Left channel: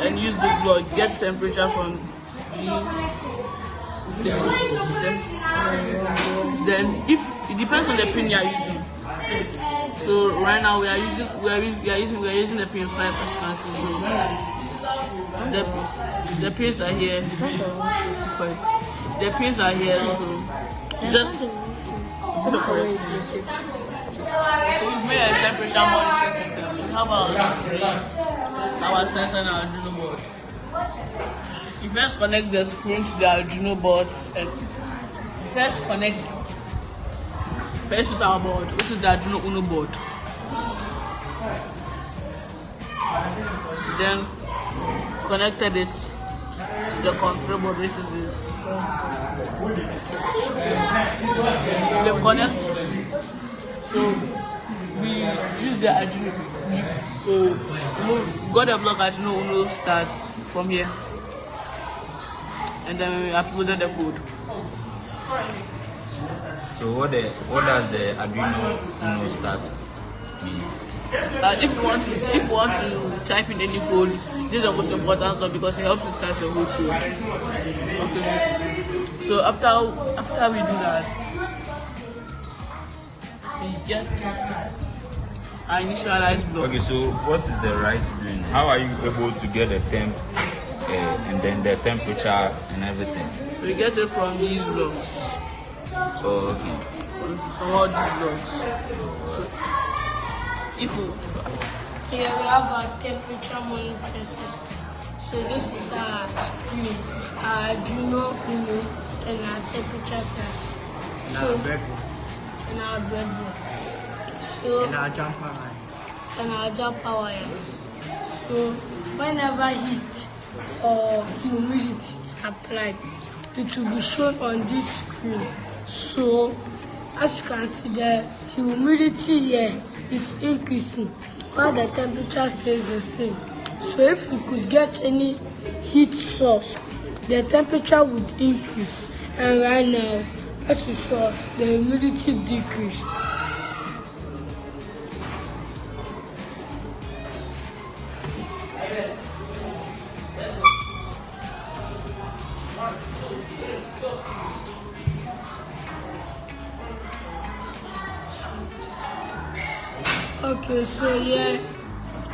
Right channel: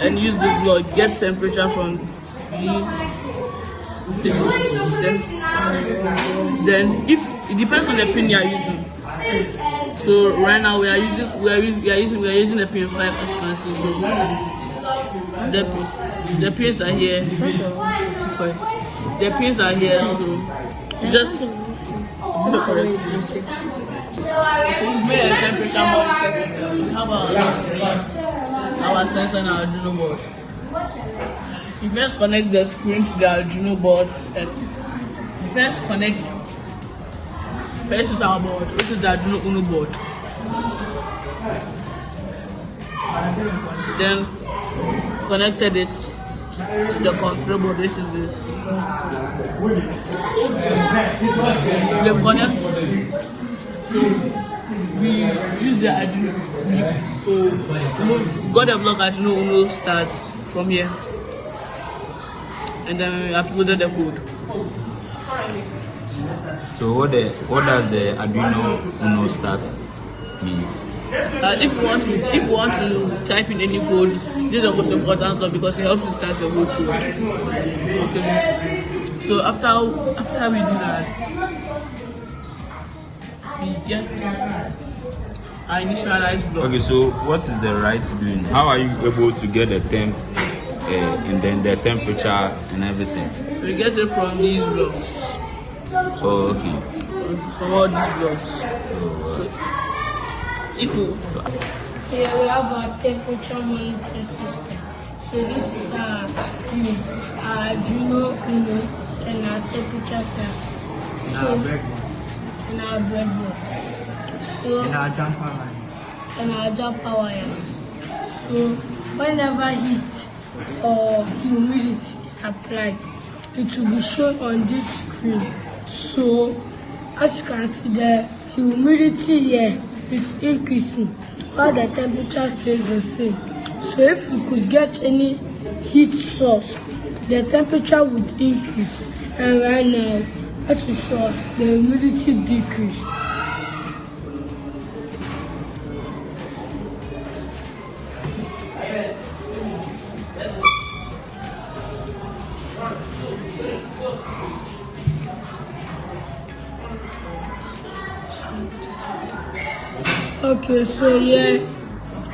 and use this block, get temperature from the system. Then if it depends on the pin you are using. So right now we are using the pin 5 consequences. So the pins are here. The pins are here, so you just so we've made a temperature monitor system. We have our sensor and our Arduino board. You first connect the screen to the Arduino board. First is our board, which is the Arduino Uno board. Then connected it to the control board, which is this. We connect. So we use the Arduino. We got the block Arduino Uno starts from here, and then we uploaded the code. So what does the Arduino Uno starts means? If you want to type in any code, this is the most important one because it helps you start your whole code. Okay, so after we do that, we get our initialized block. Okay, so what is the right doing? How are you able to get the temp and then the temperature and everything? We get it from these blocks. Oh, okay. From all these blocks. So if you here we have our temperature monitor system. So this is our screen, our Arduino Uno, and our temperature sensor. So and our breadboard. So And our jumper line. and our jumper wires. So whenever heat or humidity is applied, it will be shown on this screen. So as you can see, the humidity here is increasing while the temperature stays the same. So if we could get any heat source, the temperature would increase, and right now, as you saw, the humidity decreased. Okay, so here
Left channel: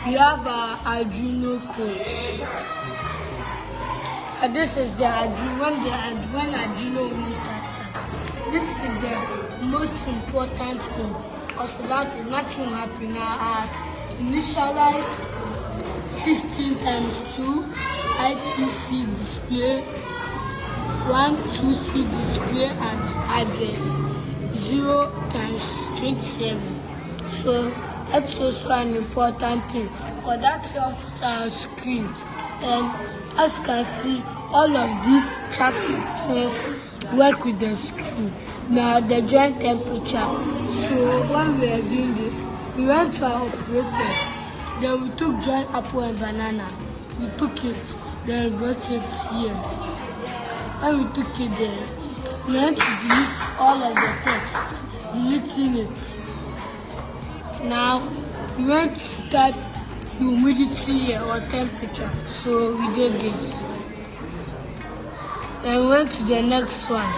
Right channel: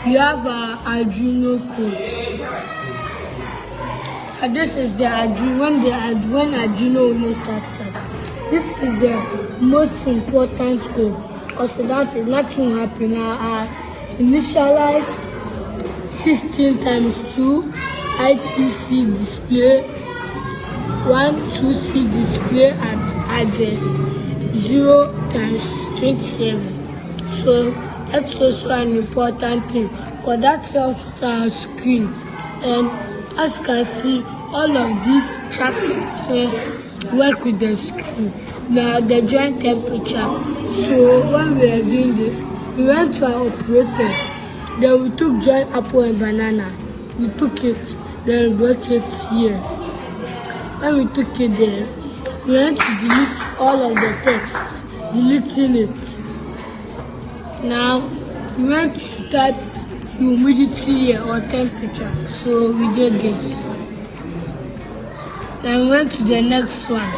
we have our Arduino code. And this is the Arduino, when Arduino Uno starts up. This is the most important code, because without it, nothing will happen. Our initialize 16 times 2 ITC display 12C display at address 0 times 27. So that's also an important thing, because that helps with our screen. And as you can see, all of these chat things work with the screen. Now the joint temperature. So when we are doing this, we went to our operators. Then we took joint apple and banana. We took it, then we brought it here. When we took it there, we went to delete all of the text, deleting it. Now we went to type humidity here or temperature, so we did this. Then we went to the next one.